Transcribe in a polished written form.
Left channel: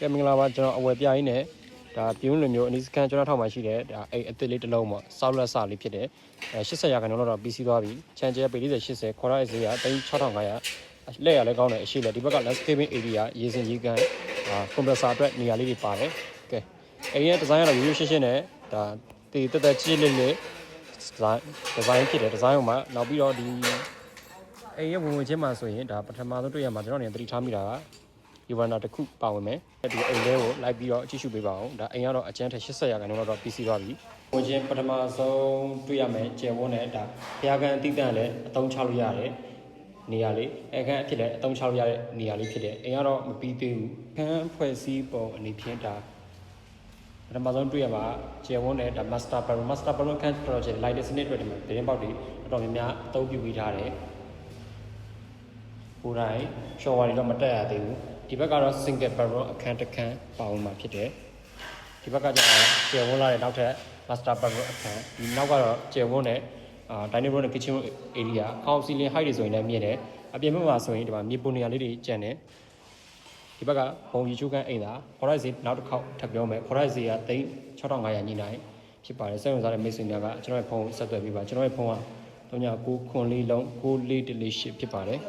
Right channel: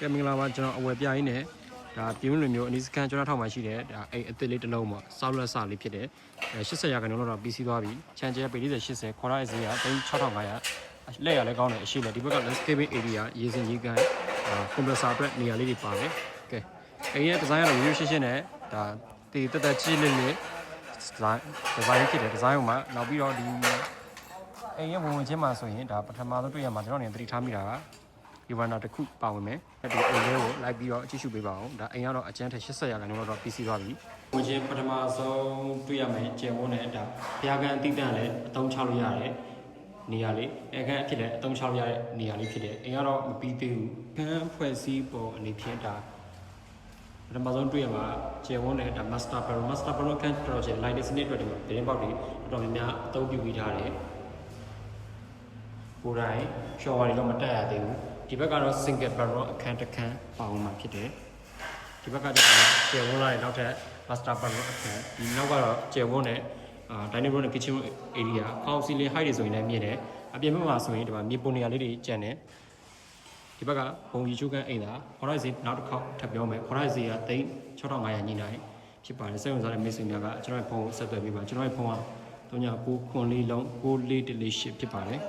ကဲမင်္ဂလာပါကျွန်တော်အဝယ်ပြရင်းနဲ့ဒါပြင်းလိုမျိုးအနည်းစကန်ကျွန်တော်ထောက်မှရှိတယ်ဒါအိမ်အစ်စ်လေးတစ်လုံးပေါ့ဆောက်လက်စလေးဖြစ်တယ်80ရာခိုင်နှုန်းတော့ပြီးစီးသွားပြီချန်ကျဲပေ40 80ခေါ်ရတဲ့ဈေးက3500လက်ရလဲကောင်းတယ်အရှိလဲဒီဘက်က landscaping area ရေစင်ရေကန်compressor အတွက်နေရာလေးတွေပါတယ်ကဲအိမ်ရဲ့ design ကတော့ရိုးရိုးရှင်းရှင်းနဲ့ဒါတည်တက်ကြီးလေးလေး design ဖြစ်တယ် design မှာနောက်ပြီးတော့ဒီအိမ်ရဲ့ဝင်ချင်းမှာဆိုရင်ဒါပထမဆုံးတွေ့ရမှာကျွန်တော်နေသတိထားမိတာကဒီဝန်တော့တစ်ခုပါဝင်မယ်ဒီအိမ်လေးကိုလိုက်ပြီးတော့အကြည့်ရှုပေးပါအောင်ဒါအိမ်ကတော့အကျန်းထက်80ရာခိုင်နှုန်းတော့ပြီးစီးသွားပြီဝင်ချင်းပထမဆုံးတွေ့ရမယ်ကျယ်ဝန်းတဲ့ဒါဘုရားကန်အတိတ်တန်လည်းအသုံးချလို့ရတယ်နေရာလေးအခန်းအဖြစ်လည်းအသုံးချလို့ရတဲ့နေရာလေးဖြစ်တယ်အိမ်ကတော့မပြီးသေးဘူးခန်းဖွဲ့စည်းပုံအနေဖြင့်ဒါပထမဆုံးတွေ့ရမှာကျယ်ဝန်းတဲ့ဒါ master bedroom ခန်းတော်ကျယ် light စနစ်အတွက်ဒီမှာဒင်းပေါက်တွေအတော်များများအသုံးပြုပြီးထားတယ်ကိုယ်တိုင်ရှော့ဝါတွေတော့မတက်ရသေးဘူးဒီဘက်ကတော့ single bedroom အခန်းတစ်ခန်းပါဝင်မှာဖြစ်တယ်ဒီဘက်ကကျတော့ကျယ်ဝန်းလာတဲ့နောက်ထပ် master bedroom အခန်းဒီနောက်ကတော့ကျယ်ဝန်းတဲ့dining room နဲ့ kitchen area house ceiling height တွေဆိုရင်လည်းမြင့်တယ်အပြင်ဘက်မှာဆိုရင်ဒီမှာမြေပုံနေရာလေးတွေကျန်တယ်ဒီဘက်ကဘုံရီချိုးကန်းအိမ်သာခေါ်ရိုက်စီနောက်တစ်ခေါက်ထပ်ပြောမယ်ခေါ်ရိုက်စီက3500ညှိနှိုင်းဖြစ်ပါတယ်စိတ်ဝင်စားတဲ့မိတ်ဆွေများကကျွန်တော်ရဲ့ဖုန်းကိုဆက်သွယ်ပြီးပါကျွန်တော်ရဲ့ဖုန်းက3994 လုံး9418ဖြစ်ပါတယ်